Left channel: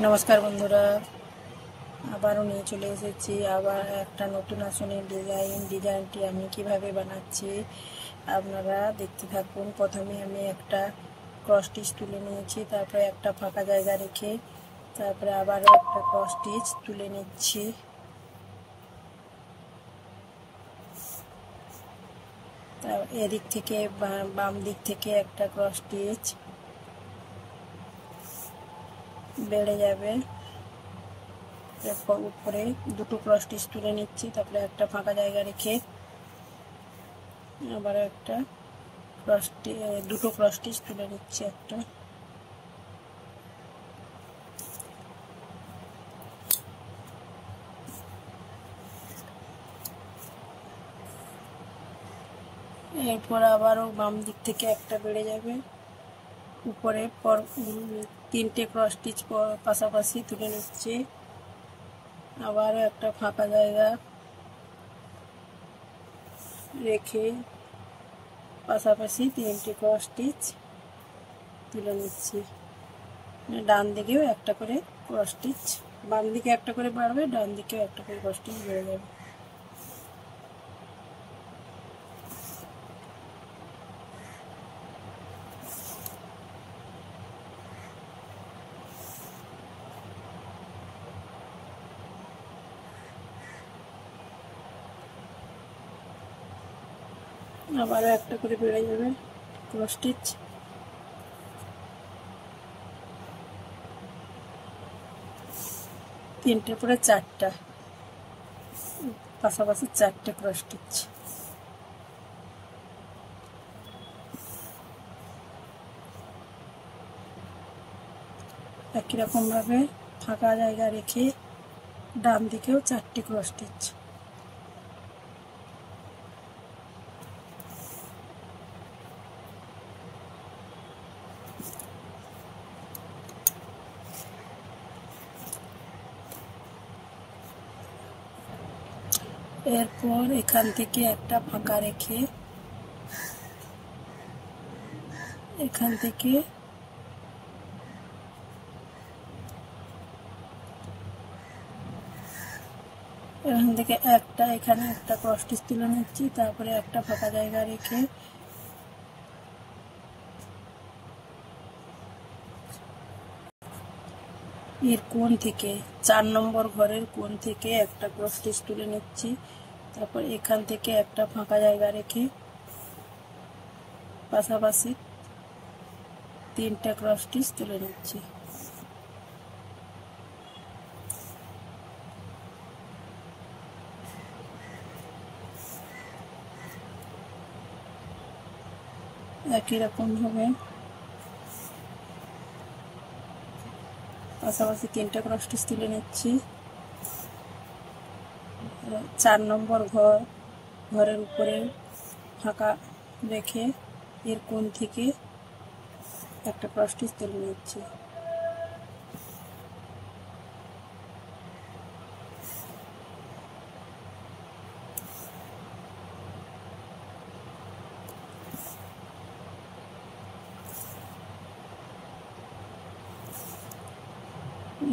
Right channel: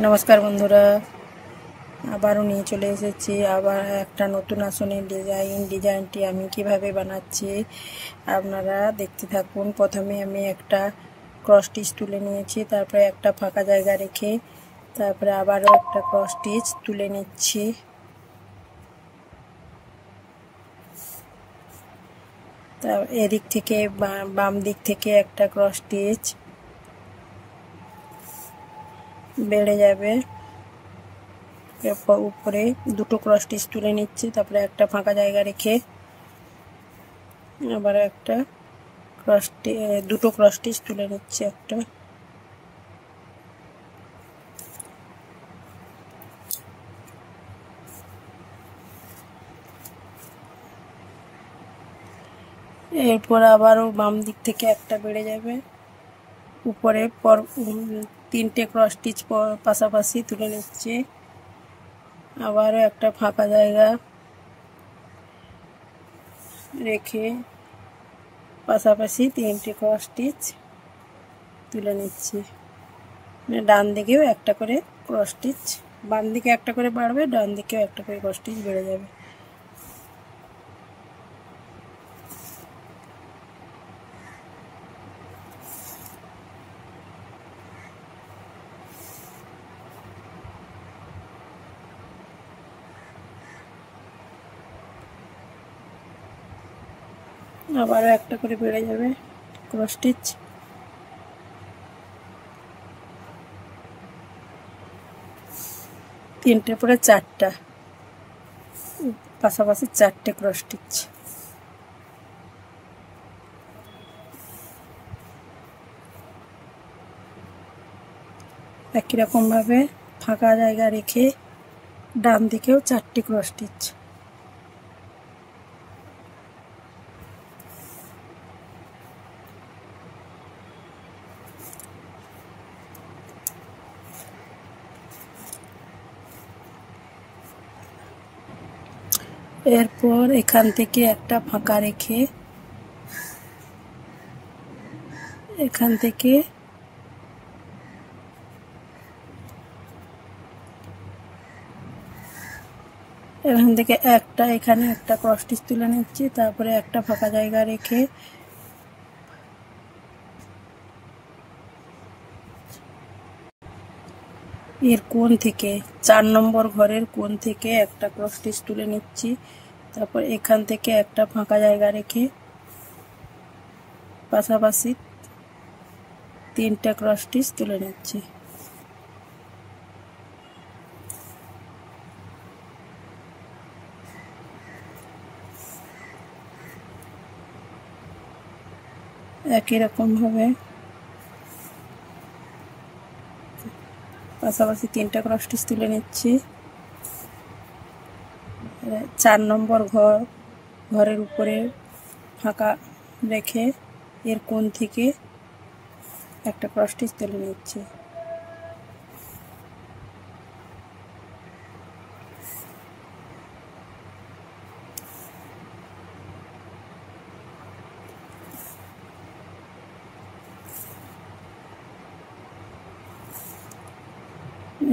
নমস্কার বন্ধুরা, আবারও নিয়ে চলে এসেছি আবার একটা নতুন আসনের ডিজাইনটি আমি কিভাবে বানাচ্ছি আপনারা দেখতে থাকুন। প্রথমে আমি একটা ক্রস স্টিচ তুলে নিয়েছি, তারপরে একটা ফাঁকা জায়গা রেখে তারপরে আবারও একটা ক্রস স্টিচ তুলে নিচ্ছি। এদিক থেকে বাম দিক থেকে একটা ক্রস স্টিচ বেড়ে যাবে, উপরে দুটো ক্রস স্টিচ তুলে নিচ্ছি, তারপরে একটা ফাঁকা জায়গা রেখে আবার একটা দুটো ক্রস স্টিচ তুলে নিচ্ছি। একটা এরপর আবারও বাম দিক থেকে একটা বেড়ে যাবে, উপরে তিনটে ক্রস স্টিচ পাশাপাশি তুলে নিচ্ছি। আবারও একটা ফাঁকা জায়গা রেখে পাশাপাশি তিনটে ক্রস স্টিচ তুলে নিচ্ছি। ডান দিকেও একটা করে ক্রস স্টিচ, বাম দিকে একটা করে বাড়বে, ডান দিকেও একটা করে ক্রস স্টিচ বেড়ে যাবে। আবারও একটা করে বেড়ে যাবে ক্রস স্টিচ। তিনটে পরে চারটা, পাশাপাশি চারটে ক্রস স্টিচ। একই রকম ভাবে ফাঁকা জায়গা রেখে ডান দিকেও চারটে ক্রস স্টিচ। এরপর এখান থেকে একটা ফাঁকা রেখে এখান থেকে এখানে একটা ক্রস স্টিচ তুলে নিচ্ছি, তারপরে একটা ফাঁকা জায়গা রেখে এর কোণ থেকে 4 নম্বর ঘরের কোণ থেকে একটা ক্রস স্টিচ তুলে নিচ্ছি, তারপর এখান থেকে একটা ফাঁকা জায়গা রেখে পাশাপাশি তিনটা ক্রস স্টিচ তুলে নিচ্ছি। একই রকম ভাবে পাশাপাশি তিনটা ক্রস স্টিচ তুলে নিচ্ছি। 4 নম্বর ঘরের উপরে ফাঁকা রেখে এর কোণ থেকে একটা ক্রস স্টিচ তুলে নিচ্ছি।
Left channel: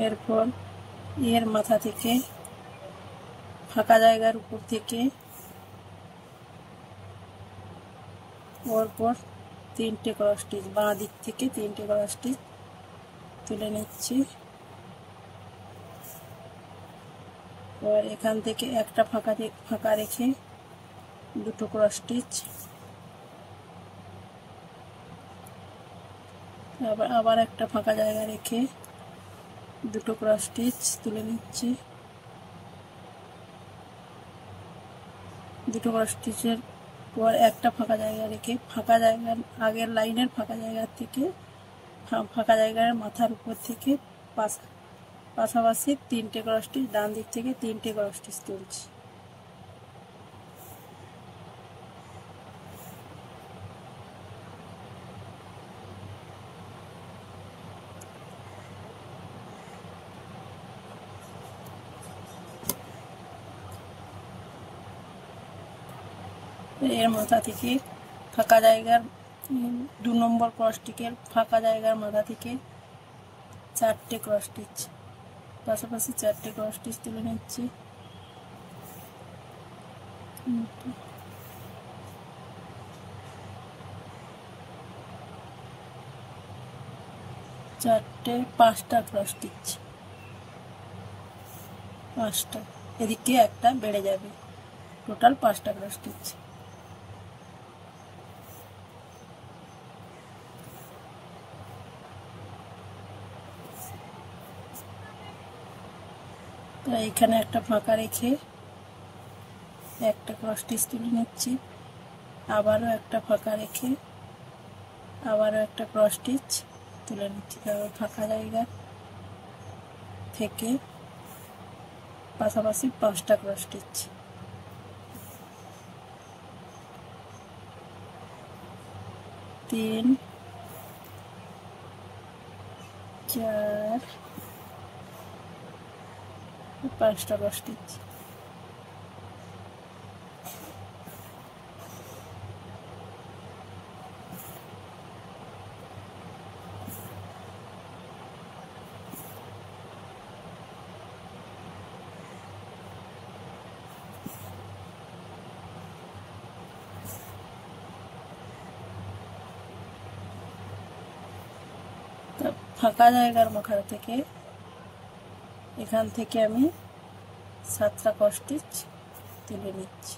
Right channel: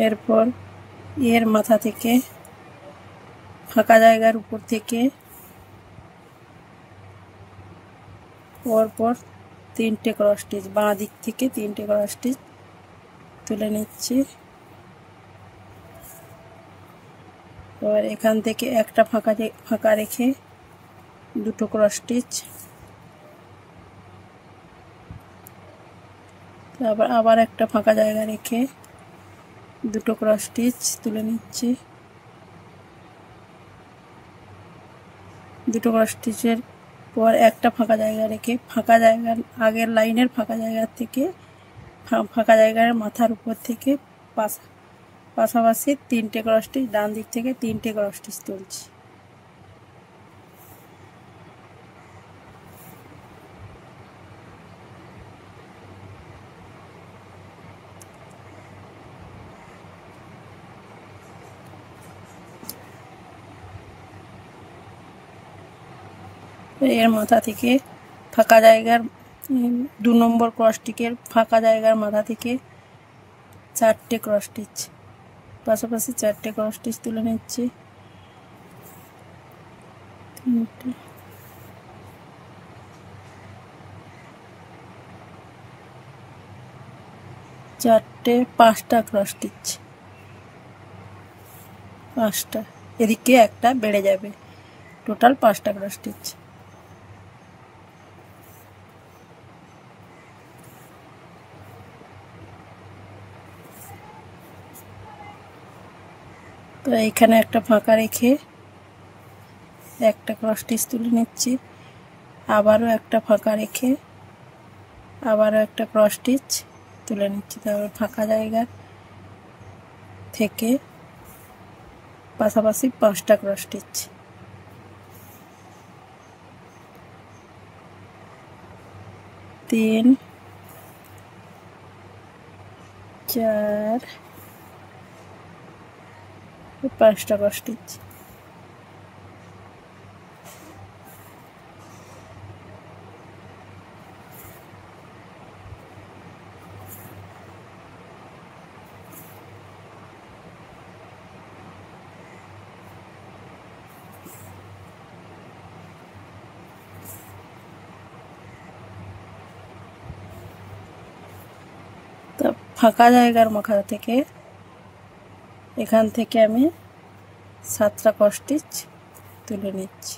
এরপর এর মাথা থেকে ফাঁকা জায়গার উপর থেকে পরপর তিনটে ক্রস স্টিচ, বাঁ দিক থেকে তিনটে ক্রস স্টিচ তুলে নিচ্ছি। এবার এখান থেকে একটা ফাঁকা রেখে দুটো ক্রস স্টিচ, আবার একটা ফাঁকা জায়গা রেখে দুটো ক্রস স্টিচ তুলে নিচ্ছি। দুটো ক্রস স্টিচের পর একটা ফাঁকা জায়গা রেখে আগের লাইনের ফাঁকা জায়গা থেকে ফাঁকা জায়গার মাথার উপর থেকে পাশাপাশি তিনটে ক্রস স্টিচ, ডান দিক থেকে তিনটে ক্রস স্টিচ তুলছি। এর মাথা থেকে ফাঁকা জায়গার 2 নম্বর ক্রস স্টিচের ফাঁকা জায়গার মাথা থেকে চারটে ক্রস স্টিচ, পাশাপাশি চারটে ক্রস স্টিচ তুলে নিচ্ছি। চারটে, পাঁচটা ক্রস স্টিচ, পাঁচটা, এদিকে একটা বেড়ে যাবে, টোটাল পাঁচটা ক্রস স্টিচ। তো এইখানে একটা ফাঁকা রেখে একটা ক্রস স্টিচ তুলে নিচ্ছি, আবারও একটা ফাঁকা রেখে আবারও একটা ক্রস স্টিচ তুলে নিচ্ছি। তারপর ফাঁকা জায়গা থেকে পাশাপাশি পাঁচটা ক্রস স্টিচ, তিন, চার, পাঁচটা ক্রস স্টিচ। তো ফাঁকা জায়গার মাথা থেকে এখান থেকে আমি 7টা ক্রস স্টিচ তুলে নিচ্ছি।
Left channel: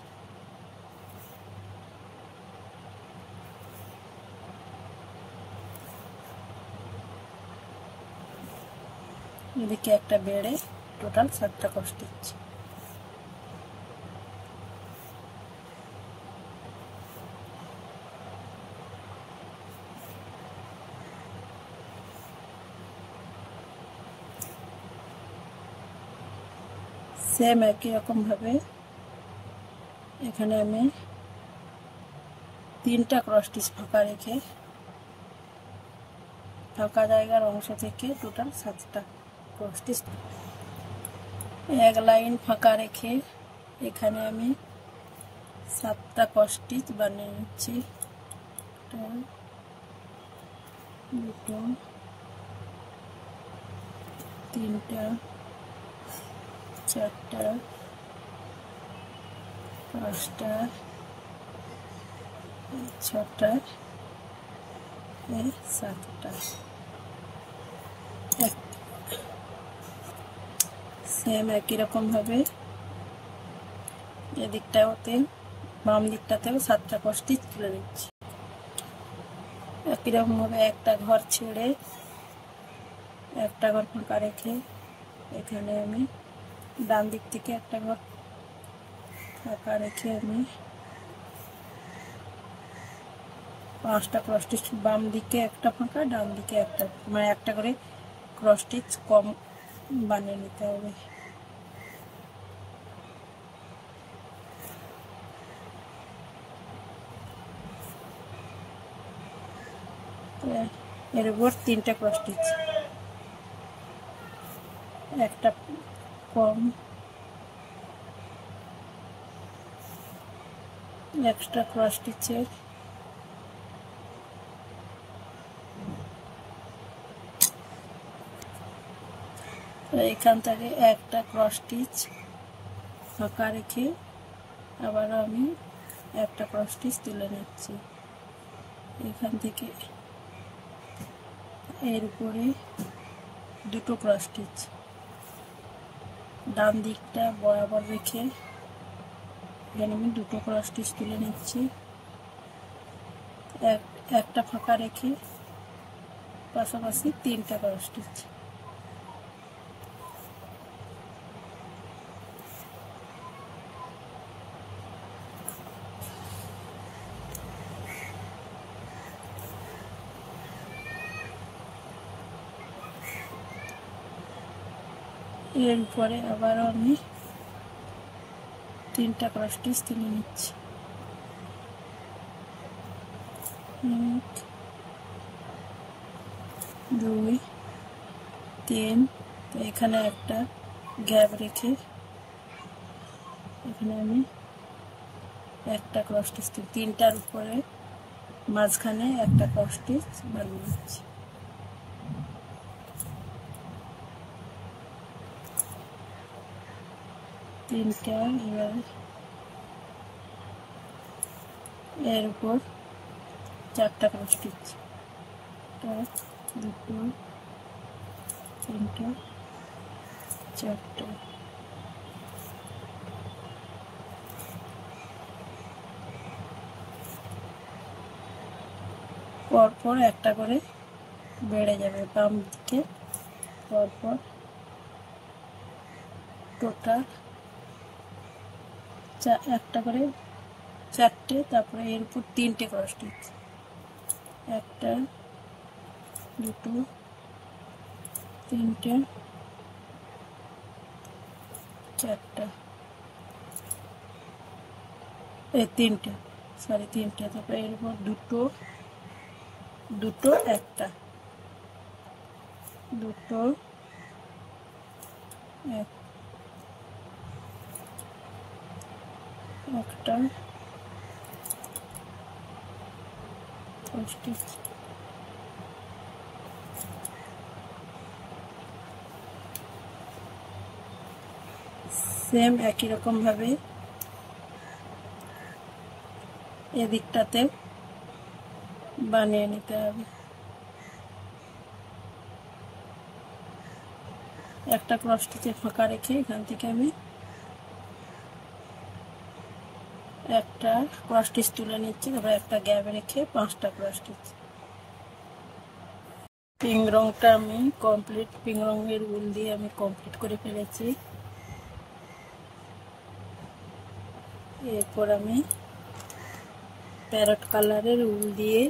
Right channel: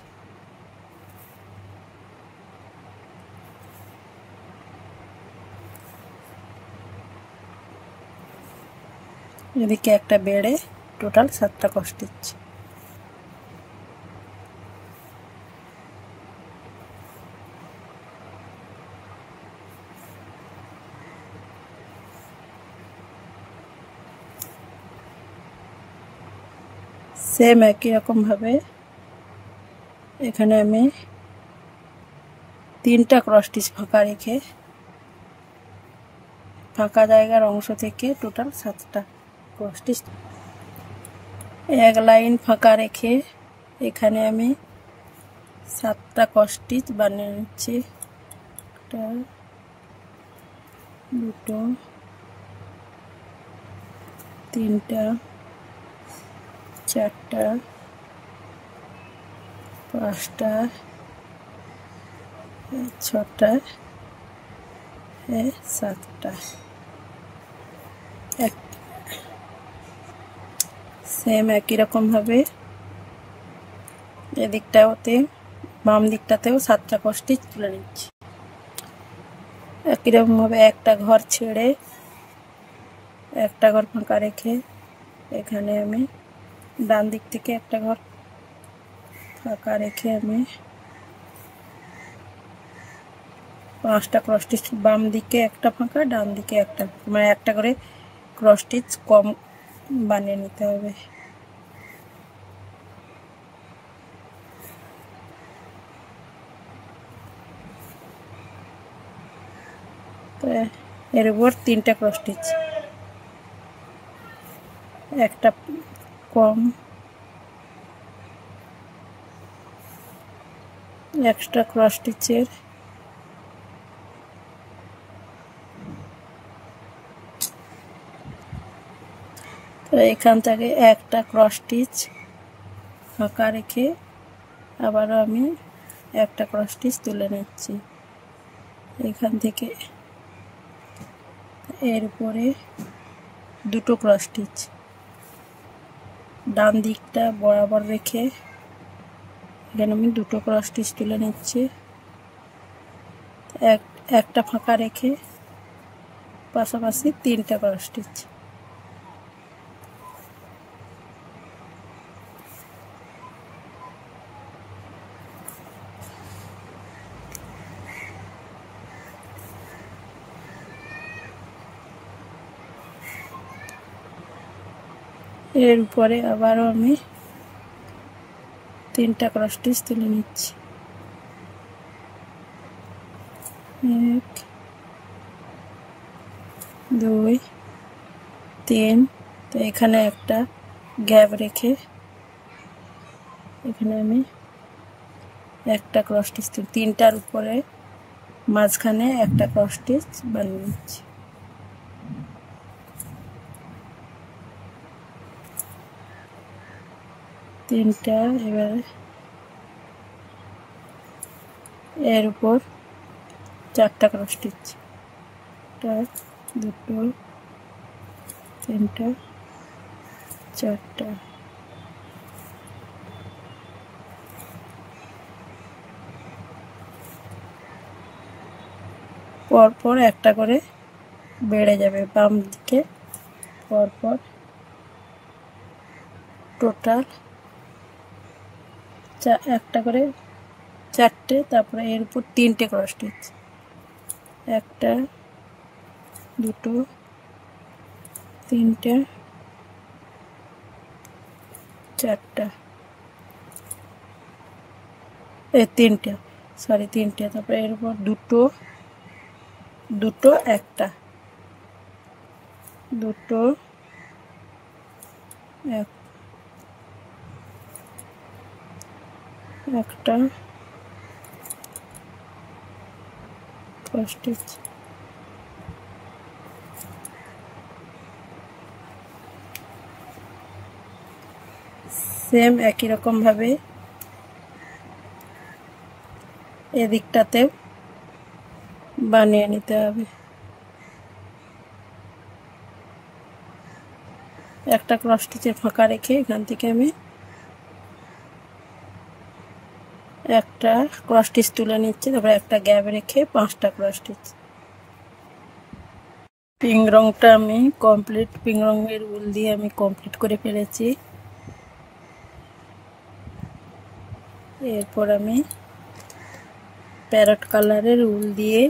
এদিকে একটা বেড়ে টোটাল 7টা ক্রস স্টিচ। সেম একই রকম ভাবে এখানে আমি 3টা ক্রস স্টিচ ফাঁকা রেখে ফাঁকা জায়গার অংশ থেকে টোটাল 7টা ক্রস স্টিচ, এক লাইন ফাঁকা রেখে এখানে আমি 7টা ক্রস স্টিচ বানিয়ে নিচ্ছি। একটা, দুটো, তিনটা, চারটা, পাঁচটা, ছটা, 7টা। সেম একই রকম ভাবে এদিকটাতে বাম দিকটাতেও 7টা ক্রস স্টিচ তুলে নিচ্ছি। একই রকম ভাবে একটা ঘর ছেড়ে একটা ঘর ফাঁকা রেখে এখানে আমি ডান দিক থেকে একটা ঘর ফাঁকা রেখে আমি 5টা ক্রস স্টিচ, বাম দিকে একটা ফাঁকা, ডান দিকে একটা, মানে একটা করে ক্রস স্টিচ কম বানিয়ে নিতে হবে। তো এর উপর 3টা ক্রস স্টিচ, একটা কম, এক্সট্রা ক্রস স্টিচের তো এখান থেকে একটা ক্রস স্টিচ ফাঁকা রেখে আবারও আমি একটা ক্রস স্টিচ তুলে নিচ্ছি। এখান থেকে এর উপরে 2টো ক্রস স্টিচ ডান দিকটা বরাবর রেখে এখানে আমি 2টো ক্রস স্টিচ তুলে নিচ্ছি। একটা ফাঁকা রেখে পাশাপাশি 3টা ক্রস স্টিচ। এর উপরে আবারও আমি 3টা ক্রস স্টিচ তুলে নিচ্ছি। 1, 2, 3। তো এখানে একটা গ্যাপ রেখে এখানে আমি একটা ক্রস স্টিচ, 3টার উপরে মাঝখানে একটা ক্রস স্টিচ বানিয়ে নিচ্ছি। তিনটা, এবারে এর উপর 4টা ক্রস স্টিচ, 1 2 3 4টা। পরপর একটা করে বেড়ে যাবে বাম দিকে, পরপর টোটাল একটা করে 4টে, তারপরে এর উপর 3টে ক্রস স্টিচ, 1 2 3টে 4টা, এই 3টে, সরি 3টে, তারপরে এর উপর দুটো একটা, 2 একটা ক্রস স্টিচ, সেম একই রকম ভাবে এদিকটাতে বানিয়ে নিতে হবে। একটা ক্রস স্টিচের ফাঁকা রেখে এখান থেকে আমি একটা ক্রস স্টিচ তুলে নিচ্ছি, তারপরে একটা গ্যাপ রেখে 5টা ক্রস স্টিচ। পিঙ্ক রংটা আমি কমপ্লিট, পিঙ্ক রঙের উল দিয়ে আমি কমপ্লিট করে ফেলেছি। এরপর আমি প্যারট কালারের উল দিয়ে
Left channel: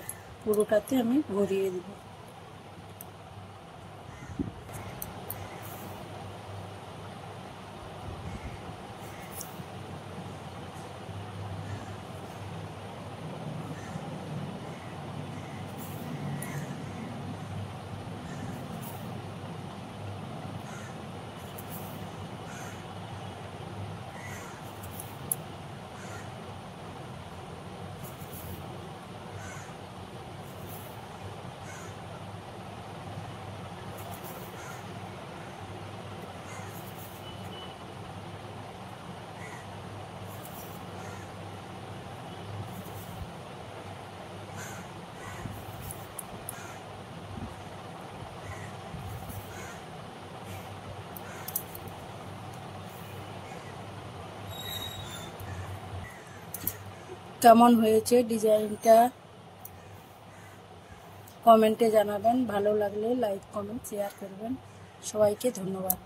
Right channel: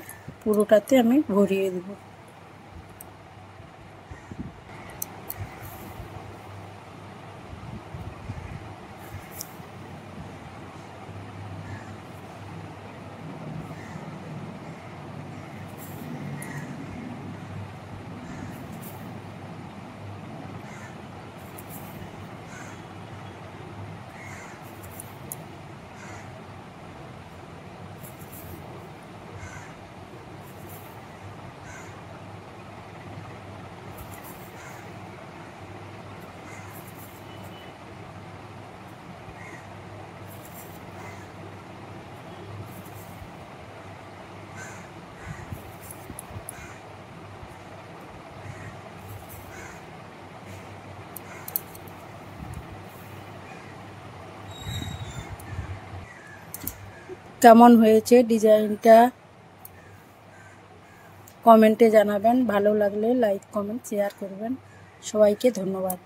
পুরোটাতে আমি ভরিয়ে দেব। কেমন হয়েছে ডিজাইনটা কমেন্টে জানাবেন, ভালো লাগলে লাইক কমেন্ট শেয়ার করবেন। সবাইকে ধন্যবাদ।